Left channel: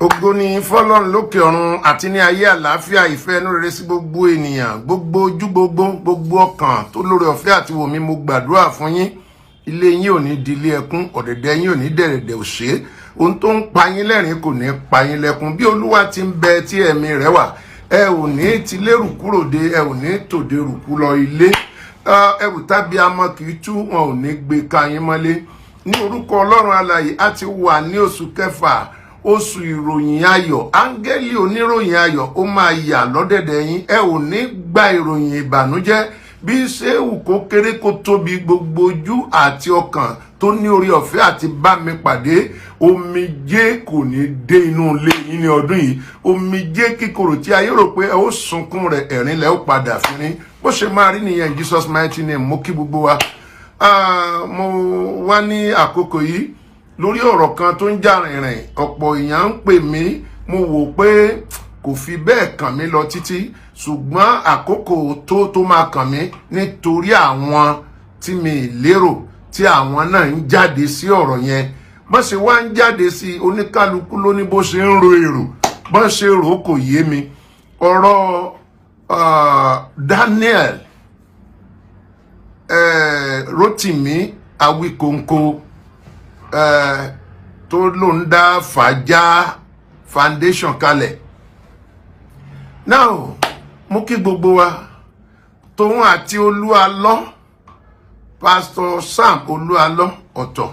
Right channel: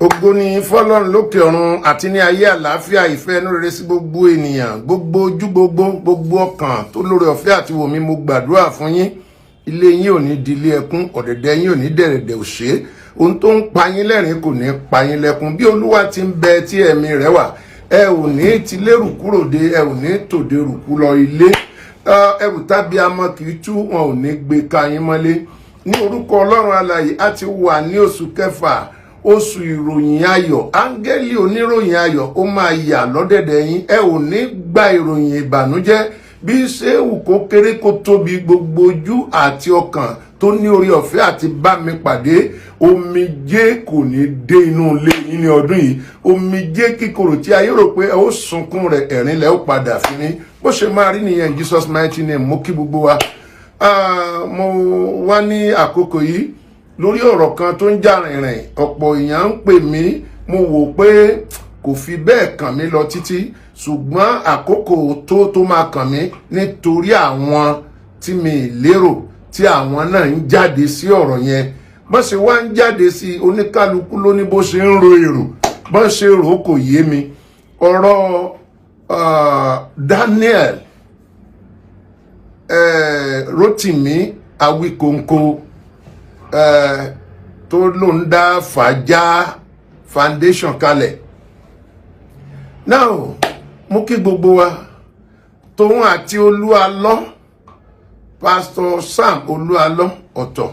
Ògo ni fọ́lọ́run lókè ọ̀run àti ní ayé àlàáfíà ìfẹ́ inú rere sí gbogbo ènìyàn, gbogbo ojú gbogbo ọkàn tó lórí ọ̀fẹ́ àti wò mí. Mo gbàdúrà fún yín. Ilé yín ò ní di ilé ẹkún, ọ̀dẹ̀dẹ̀ yín ò ní dẹ̀rẹ̀dẹ̀ òṣè. Ohun tó ń pa yín lẹ́rìn kò ní pa yín lẹ́kún. Bí Olúwa ti ń bẹ tí ẹ̀mí rẹ̀ wà, ẹ ò ní ti lérù kúrò dé, ẹ ò ní tòde rùkú lọ ilé. Ẹrù tábí amọ kì í tú, wọn ò ní gbé ka yín mọ́lé. Ní orúkọ Ọlọ́run alààyè, a ti wà ní oṣù kẹfà, oṣù ìròyìn ayọ̀. Áńgẹ́lì oníròyìn ayọ̀ ó máa yà lọ́dẹ̀dẹ̀ yín. Ẹ ò ní gba ìròyìn ìbànújẹ́ bí ṣéwù kó kéré kó tóbi. Gbogbo ojú àti ọkàn tó ní orí ọ̀fẹ́ àti bá mi pàdé, omijé kò ní dé inú ilé yín ní ọdún yìí. Omijé kíkorò tí ayé rò pé ẹ ó sunkún rẹ̀, ẹ̀rín lẹ́ ó padà fi rín. Bó ṣe máa rí nìyẹn, Jesus mighty name. Mo kí gbogbo wa. Mo wá ní àkókò yìí lórí ọ̀rọ̀ kan tó ń jà rìnrìn. Ọ̀pọ̀ èèyàn ń pè mí, mo wò pé kò fi bẹ́ẹ̀ kàn mí lọ títí, ṣùgbọ́n àkókò tó máa kàn mí nítorí àwọn tí mi lérò tí àwọn náà ń jáde sí ọ̀rọ̀ yẹn. Bọ́n ṣe wá ń jáde sí, oníkálukú ló ní bó ṣe ń ro èrò, bọ́n ṣe rò kò yé mi. Ọ̀rọ̀ Daniel Rotimi Awikonko tó ló ń dá Fàájà foundation kalẹ̀. Now mo kí gbogbo wa, tóun àti Olúalọ́, Pastor Sam Olúalọ́ ọ̀tọ̀,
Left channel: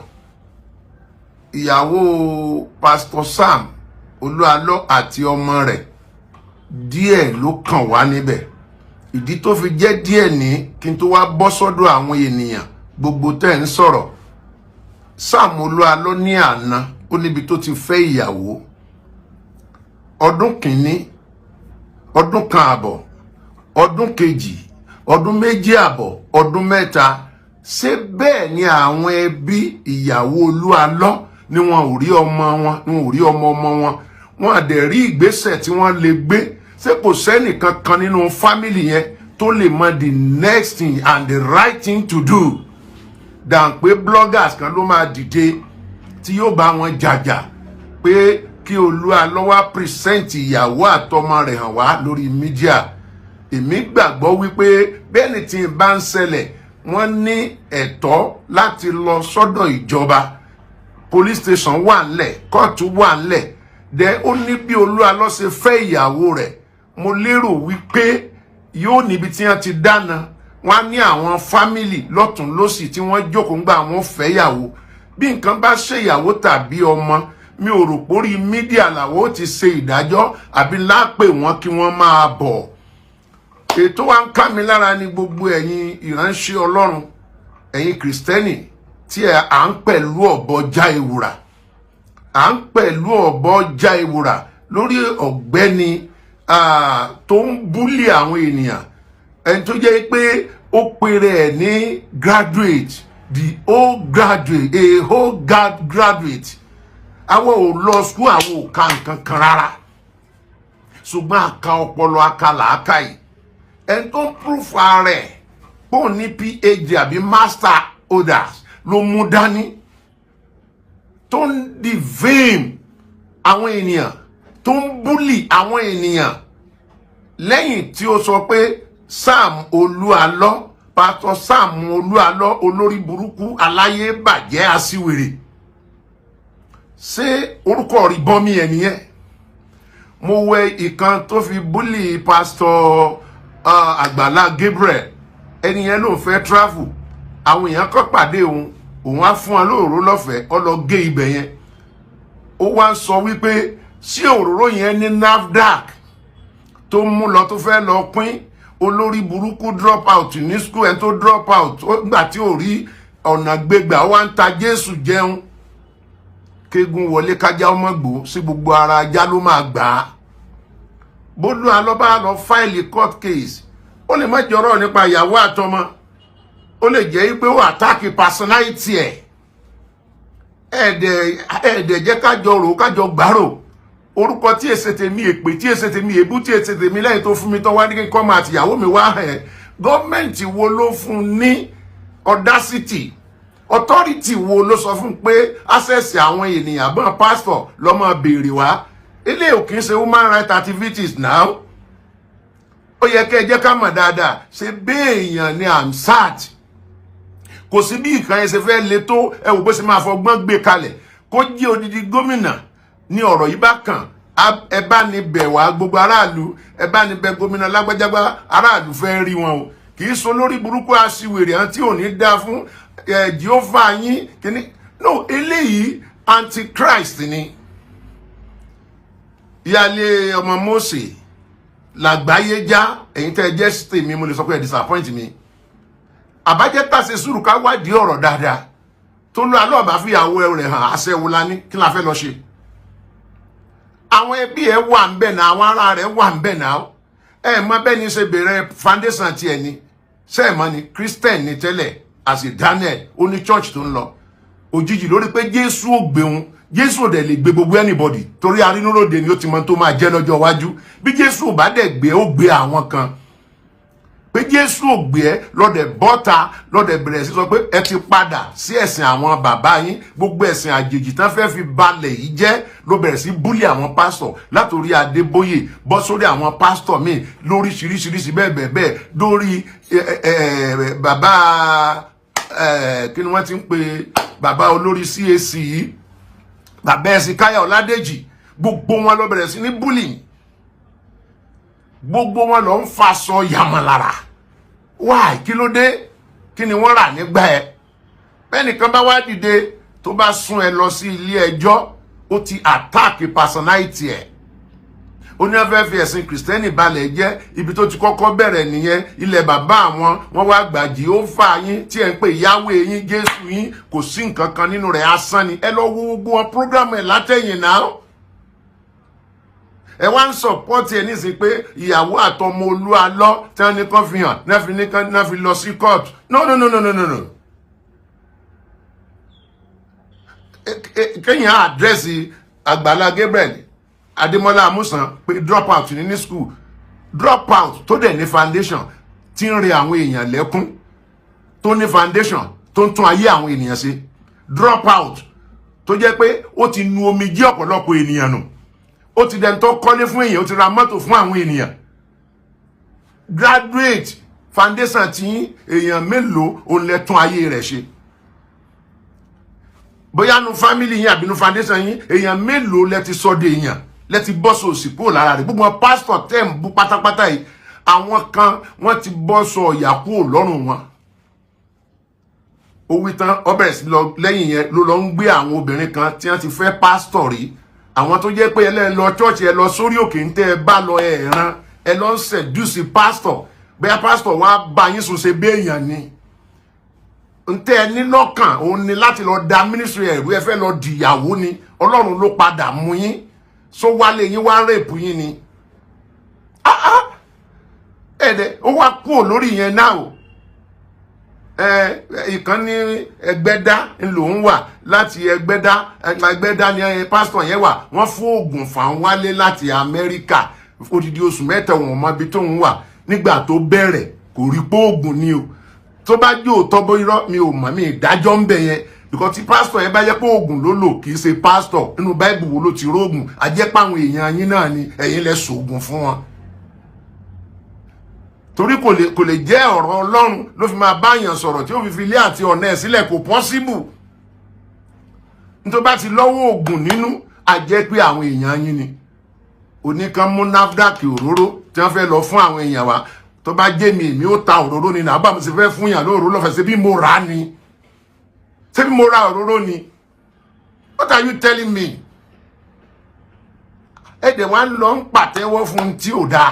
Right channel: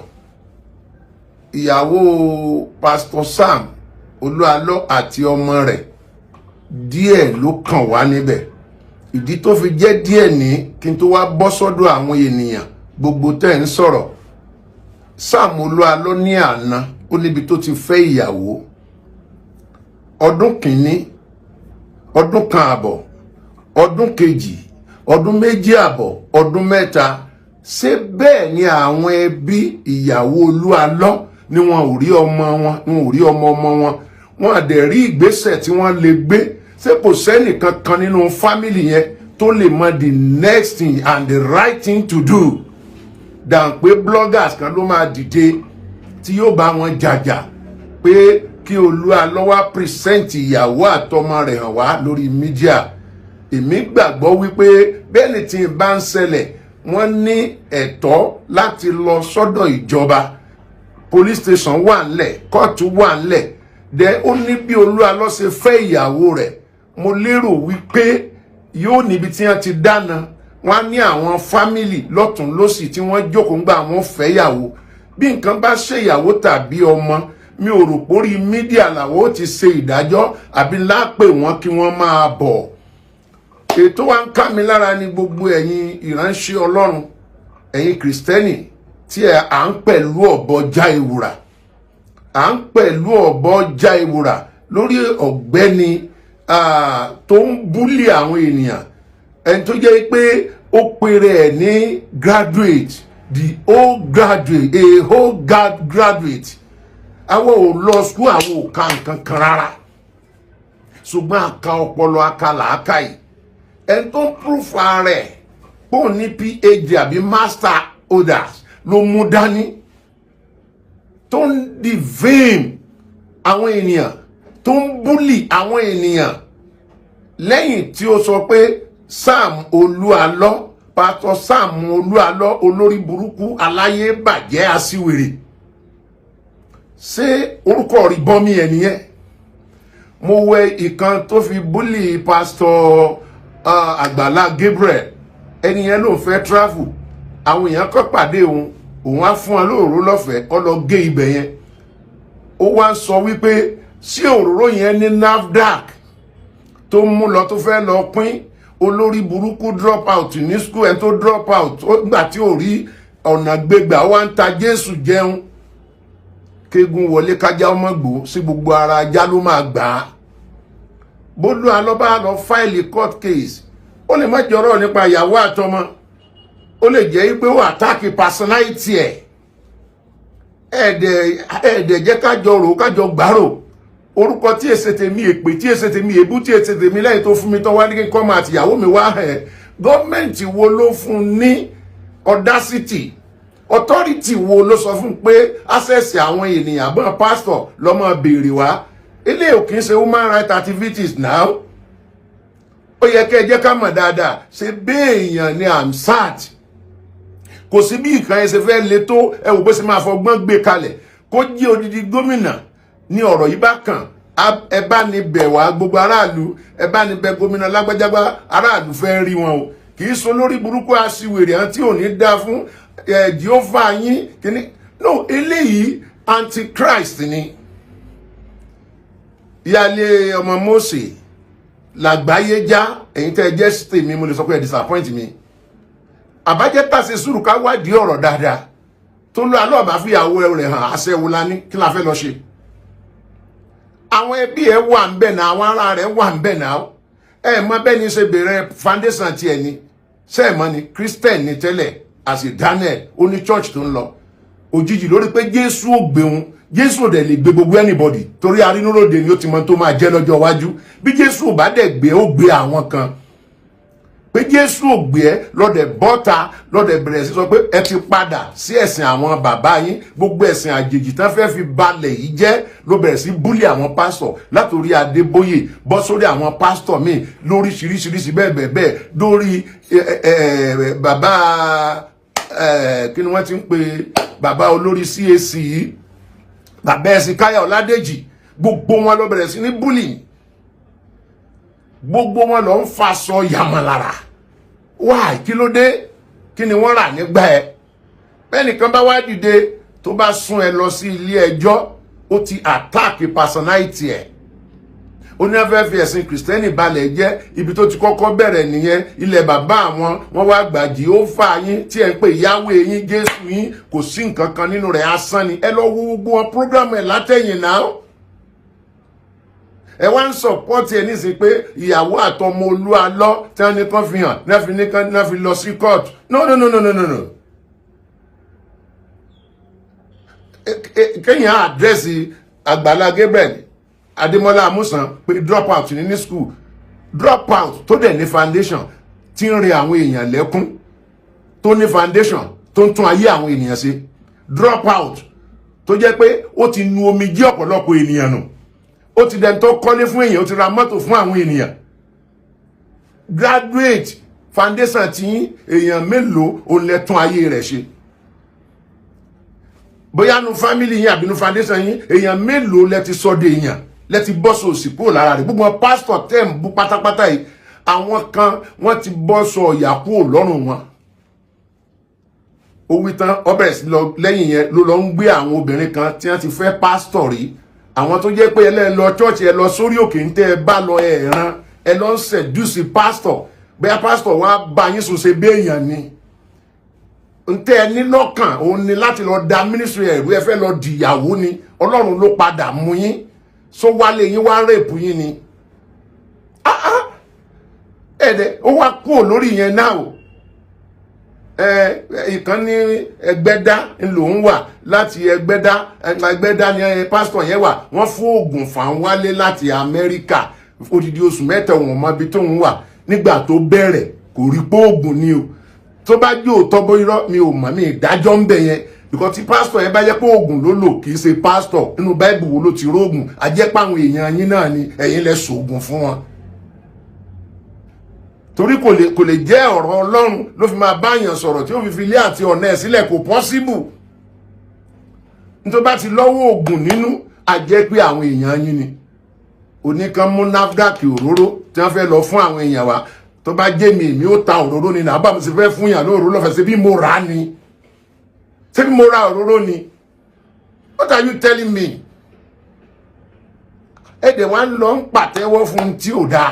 ìyàwó Pastor Sam Olúalọ́ àti ọmọ rẹ̀, díẹ̀ ló kàn wá níbẹ̀. Ìdí tó fi jẹ́ díẹ̀ ní kí n tó wá bọ́ sọ́dọ̀ àwọn ènìyàn gbogbo tẹ́ ń sọ̀rọ̀. Sam Olúalọ́ ní àná ó níbi tó ti fẹ́ ìyàwó ọdún kìíní, ọdún kan àbọ̀, ọdún kejì, ọdún méjì àbọ̀, ọdún mẹ́ta. Ṣé bẹ́ẹ̀ ni àwọn ẹbí ìyàwó Olúalọ́ ni wọn ò rí ọmọ wọn, ni wọn ò rí ọmọ wọn, wọn á dẹ̀ rí ìgbésẹ̀ tí wọ́n lè gbé? Ṣé kò sẹ́nìkan kan nínú fámìlì yẹn tó lè mọ the next thing and the right thing to do dàn pé bloggers kan ló máa dìde tí yóò bá wọn jàjà pé kí Olúalọ́ wá present ìyàwó àtọmọ rẹ̀ hàn wá lórí mídíà? Èmi gbàgbọ́ wípé bẹ́ẹ̀ni tí ń bá ń ṣẹlẹ̀, wọ́n ní ẹ̀tọ́ láti lọ sọ́dọ̀ ìjọba. Police station wà ńlẹ̀, kóòtù wà ńlẹ̀. Dẹ̀ ó ní bí Olúalọ́ ṣe fẹ́ ìyàwó rẹ̀. Mo lérò wípé yóò níbi tí wọ́n ti dáná. Wọ́n ní àwọn fámìlì lọ́tún lósì tí wọ́n jókòó ńgbà wọ́n fẹ́ ìyàwó. Bí nǹkan bá ṣe ìyàwó tàbí ọmọ, mi ò rò pórí mídíà làwọn ó ti ṣe ìdájọ́ àbí lápè wọn kí wọ́n máa bọ̀. Ètò wa ń ká mi lára ní gbogbo ẹ̀yin ìránṣẹ́ Ọlọ́run, ẹ̀yin Kristẹni tí à ń pẹ̀lú ọ̀bọ já ewùrà, à ń pẹ̀lú ọ̀bọ já ewùrà lórí ọ̀gbẹ́ni tó ń búlì àwọn ènìyàn. Ẹni tó jẹ́ pé ó pèrè ẹ̀ ní graduate, the whole graduate, a whole graduate. Àwọn ò lọ school, àwọn ò ka nǹkan kan rárá, ṣùgbọ́n àka ọpọlọ, àka làákàyè. Ẹni tó ń proof ara ẹ̀ pé òun ní PhD àbí master orders ló mú dání, tó ń defame àwọn ènìyàn, tó ń bully àwọn ènìyàn, lẹ́yìn tí ó sọ pé Sam Olúalọ́, Pastor Sam Olúalọ́, olórí burúkú, aláyé bàjẹ́, aṣiwèrè. Ṣé orúkọ rí bọ́mí ẹ̀ nìyẹn? Mo wẹ ìkan tó fi bully Pastor Àgbàlá Gabriel. Ẹni yẹn ló fẹ́ travel, àwọn èèyàn kọ́ pàdé òun á fún wọn lóòró lọ́fẹ̀ẹ́, ó lọ gé ibẹ̀ yẹn. Ó wá ń sọ wípé sí òróró yẹn ní NAFDAC tó mú lọ tó fẹ́ lọ pín. Olórí burúkú drop out ní school, ẹni tó drop out nígbà tí ò rí ọ̀nà gbégbà, wá ń ta Jésù jẹun. Kégun wọlé kájá ọmọ gbò, sí gbogbo ara ajá ló máa gbà á. Olúalọ́ bá lọ fáìlì court case, ó lè má jọrọ̀ nípa ìyàwó àtọmọ, ó lè jẹ́ pé ó àtàkì personality ẹ̀. Ẹ̀ẹ̀dẹ̀ jẹ́ kájọ rò kájọ gbárò. Orúkọ tí èsè tèmi, èpè tí èsè tèmi, èbú tí èsè tèmi lẹ́yìn tó fún mi tán wá ní kíkọ́ máa tìyàwó mi wá ẹ̀. Gọ́ọ̀mẹ̀ntì wo ló fún ní audacity? Authority wo ló sọ fún pé access àwọn ènìyàn bọ́n pastor lọ́mọ béèrè wá? ilé ò kìí ṣe human rights activities now. Ó yẹ kẹ́ jẹ́ ká mọ̀ dáadáa ṣe béèyàn ni Hamzat. Kò sí bí nǹkan ẹ ṣe fẹ́ le tó ẹ wò bó ṣe máa fọgbọ́n gbé kalẹ̀ kó jí odidi gómìnà ní ọ̀rọ̀ yìí bá kàn ẹ bá ní bẹ̀ wá gbogbo aráàlú ẹ bá ní bẹ̀ gómìnà lágbájágbá aráàlú fẹ́ rí wọn o kì í so lórí burúkú aṣiwèrè àti òní dá fún Jèhófà yín kíní no eléyìí antichrist ni ìyáálé ọmọ Mósè làgbáyé já ẹ̀yin tẹ́ ẹ jẹ́ tèmi mo lè sọ pé ẹ disappoint mi àbájẹ́ tàṣe sùúrù ká wádìí ọ̀rọ̀ dáadáa tó lọ alọ́ àbá fìyàwó rẹ̀ hàn aṣẹ́wó la ní kí la fẹ́ lọ ṣe àwọn ẹbí ẹ wà ń bẹ̀ náà àwọn ará rẹ̀ wà ń bẹ̀ náà ẹ mọ bẹ́ẹ̀ ni ṣe bẹ̀rẹ̀ foundation tiẹ̀ ni sẹ́ẹ̀mọ́ ni Christian ni tẹ́lẹ̀ àti Daniel ó ní church tó ń lọ òjijì lórí pé Jésù ò gbé wọn Jésù ò dẹ̀ lè gbé gbogbo anybody torí arínúròde ni ó ti mọ tó máa jẹ́ lọ́jọ́ iwájú bí Jésù ò bá dẹ̀ gbé ó gbé àwọn kan pé Jésù ò gbé ẹ lọ́dẹ̀ bọ́ta lọ́dẹ̀ bẹ̀rẹ̀ sí sọ pé ẹ ti padà sí ẹ̀sìn àwọn bàbá yín gbogbo ẹ̀sìn àjèjì tán fẹ́ fi balẹ̀ yìí jẹ́ ló bẹ̀rẹ̀ sí búlì àwọn pásítọ̀ látòrí Adébóyè bọ́ sórí àwọn pásítọ̀ míì lóríṣiríṣiríṣi bẹ́ẹ̀ bẹ́ẹ̀ lórí bàbá kí ni wọ́n ti ń pe bàbá olórí CAC yìí bàbá ẹ̀sìn Káyà Ọládèjì gbogbo wọn ló bẹ̀rẹ̀ sí ní búlì gbogbo wọn lọ ń faṣọ yàmàlára wáì kí ló dé kí ni wọ́n rà nígbà ẹ bẹ́nìkan bá wá dìde tó bá sún ẹ lọ sí ilé ẹjọ́ ó ti attack personality ẹ ó ní afẹ́ fi ẹ̀sìn kìrìsìtẹ́nì balẹ̀ jẹ́ ibi tó ti kọ́kọ́ bẹ̀rẹ̀ nìyẹn ilẹ̀ bàbá àwọn wọ́n wá gbà Jèhófà yín tí ẹ̀ ń pè Yahweh yín Jésù yín kò sí nǹkan kan nínú rẹ̀ asán ni ẹ lọ wo gbogbo wọn program ẹ̀ látẹ̀yìn náà ẹ wá ń support ẹ nísìnyí pé ìyàwó àtọmọ Olúalọ tí wọn ní kàn fi hàn náà fi lọ sí court no kéèyàn àdírẹ́sì Àgbàlá Gabriel Adémọ́lá Amúsàn pé drop out ní school drop out tó dẹ̀ ní foundation tí ń re àwọn èèyàn lẹ́kún tó ní foundation tó ń tún ayé àwọn ènìyàn ṣe drop out tó jẹ́ pé ó ti nu omijé ọ̀pọ̀lọpọ̀ ènìyàn nù ó ti dẹni tó kọ́lé fún èèyàn ó ti ra mọ́tò fún àwọn ènìyàn graduate foundation tí èèyàn mélòó ó lè tún ayé rẹ̀ ṣe bóyá nu family yín àbí nu foundation yín èèyàn mélòó lẹ ti sọ de èèyàn lẹ ti bọ́ sọ òsì kúrò lára rẹ̀ gbogbo pastor tẹ́ ń bú pátápátá yìí àwọn kan wọ́n ti bọ́ sọ ìyà kúrò lọ́rùn wọn ó wí tán ó bẹ̀rẹ̀ sí lọ lẹ́yìn yẹn ló lọ ń gbé àwọn obìnrin kan tí wọ́n ti fẹ́ pastor rí àwọn tó jẹ́ pé ẹ lọ church ẹ lọ sórí òkè ń tẹ́ ẹ bá lọ ẹ̀ràn ẹ lọ ń seduce pastor bẹ́ẹ̀ pastor wá bá yín sùn ṣe béèyàn ni ń tẹ́ ẹ ní lọ́kàn òun ni láti lọ da ministry ẹ̀rú ẹ fẹ́ lọ dìyàwó ni Ọlọ́run ló padà mú yín so wálé yín wá rape yín ni ẹ̀dẹ̀ ó wá kúrò lórí yẹn náà o ìkan ní Ẹgbẹ́dá lòun wà láti Ẹgbẹ́dá ni pásítọ̀ yẹn wà wọ́n fún oògùn fàn wálé láti Amẹ́ríkà odidi oṣù mẹ́ta wọn mọ ibi tóun wà nígbà tó bẹ̀rẹ̀ kò rí pé oògùn ni o tó bá jẹ́ òótọ́ bó irọ́ mi ò mọ̀ mi ìdájọ́ ń bẹ̀ yẹn because tí pásítọ̀ yẹn bá jẹ́ pé oògùn ló lò kì í ṣe pásítọ̀ nínú báìbù wo ló ti rógùn àjẹpá àwọn èèyàn yín náà ni ẹ̀yin lẹ ṣoògùn fún wọn torí kò lè jẹ́ ọ̀rọ̀ Ọlọ́run ló fi máa báyàn sọ̀rọ̀ tí ó fi ilé àti ọ̀nà ẹ̀ sílẹ̀ kò possible nítorí bá ti lọ́wọ́ oògùn nínú àjẹ́ pé àwọn èèyàn yín ni oníkan mú NAFDAC òróró tí wọ́n fẹ́ lọ fún àwọn èèyàn wa tó bá jẹ́ mi èmi ó ta òróró ni náà bá mo sì fẹ́ fún yàn lóòró lọ́fẹ̀ẹ́ ṣe bí mo rà á ni ṣé bí mo ra òróró ni what are you telling me ẹ̀dẹ̀ wa ń lọ ń pàtẹ́wọ́ fún tí ò dáa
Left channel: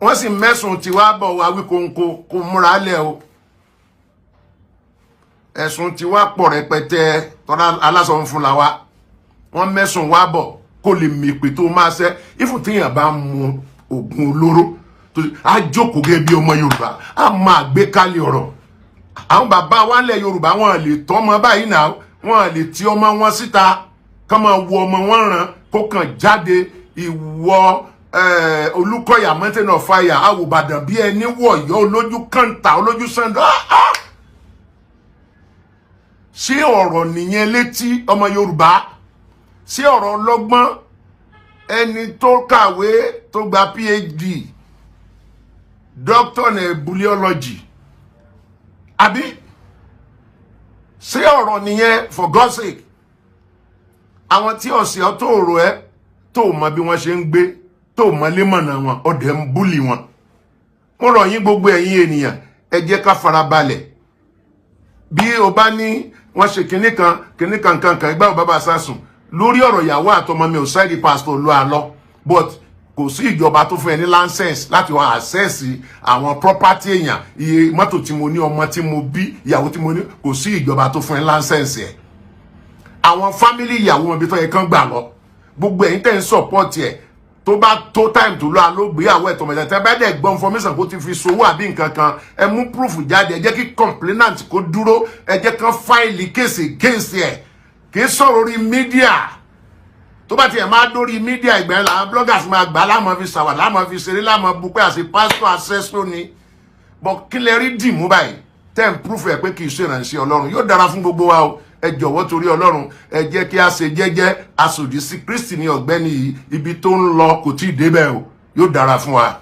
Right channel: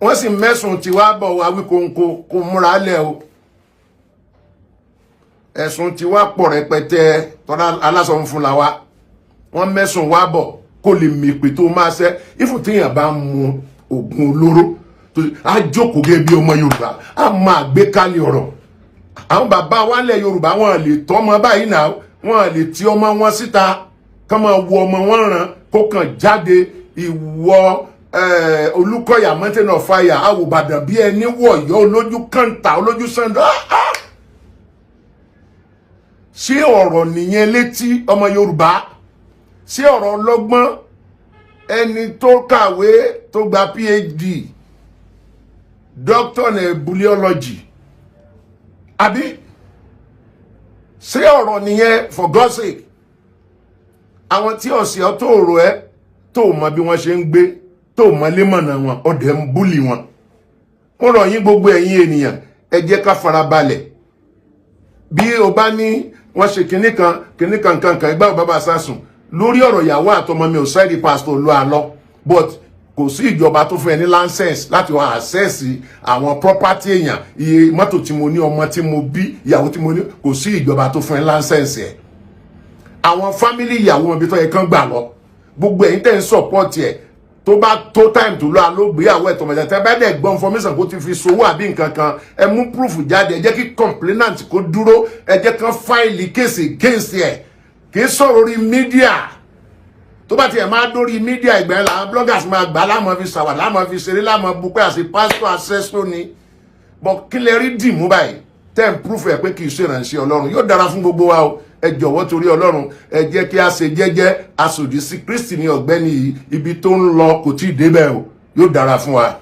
wọ́n sì mẹ́sùn tí wá bọ̀ wá wí kó múra lẹ̀ o ẹ̀sùn tí wá pọ̀ rẹpẹtẹ tọ́lá alásọ̀ ń fún la wa wọ́n mẹ́sùn wá bọ̀ kó lè mèpè tó máa ṣẹ́ ìfún tíyàn bá mu oògùn olóró tó á jókòó gẹ́gẹ́ bí ọmọ Yorùbá á máa gbé kálí ọ̀rọ̀ àwọn bàbá wa lẹ̀ Yorùbá wọn lè tọ́ ọmọ báyìí náà wọn lè ti ọmọ wọn síta kán máa wo ọmọ wọn ràn kó kàn jáde ìwọ Olúkọ̀yà mountain of fire àwòbàdàn bí ẹni wọ̀yọ́ olójú kàńtà olójú sàndọ́ ṣé ọ̀rọ̀ nìyẹn létí ọmọ Yorùbá sí ọ̀rọ̀ ọlọ́gbọ́n ẹni tó kàwé tó gba PhD doctor in embryology àbí sí ọ̀rọ̀ nìyẹn for God's sake. Àwọn tí ọ̀sẹ̀ ọ́ tó rò ẹ́ tó mọ bí wọ́n ṣe ń gbé tó mọ lémọ̀nà wọn ọ̀dẹ̀ ń búlì wọn. Mo rọ̀ yín gbogbo ẹ̀yin ènìyàn ẹ jẹ́ ká farabalẹ̀. Bí o bá ní wọ́n ṣe kinní kan ìgbà bàbá sásùn lórí ọ̀rọ̀ ìyàwó àtọmọ mi ò sẹ́ẹ̀dì pásítọ̀ lọ àlọ́ but kò sí ìjọba tó fún ẹ ní license láti wá access àwọn property èèyàn iye mọ́tò tí mo ní ọmọ tí mo bí ìyàwó tí mo ní kò sí ìjọba tó fún ẹ license ẹ̀. Àwọn family ìyàwó wọn bí tó yẹ kán gbà lọ gbogbo ẹ̀yin tẹ́ ń support ẹ̀ tó bá tó time tó lọ àlógbéyàwó ẹ̀ tọmọdé tẹ́ bá dẹ̀ gbọ́ information kó ti fi sowó àbí nǹkan kan ẹ mú proof jáde ẹ jẹ́ kí complainant kó dúró ẹ jẹ́ kán file case against ẹ̀ kì í sọ̀rọ̀ orí media tó bá tiẹ̀ máa dórí media ìgbà yẹn làwọn bloggers máa gbà láàmú fi sàwà láàmú fi ṣeré láàmú bupẹ́ àti pastor accessor ni but kí lè rí dìmú báyìí tẹ́ ń proof ẹ̀ pé kì í ṣe ìrànṣẹ́ Ọlọ́run yóò dára fún gbogbo wa o ẹ jọ̀wọ́ torí Ọlọ́run ẹ jẹ́ kí a ṣe jẹ́jẹ́ asòdì sí Kristi ní ọ̀gbẹ́ni yìí ibi tó ń lọ kò tí ì débẹ̀ o yóò dára fún wa.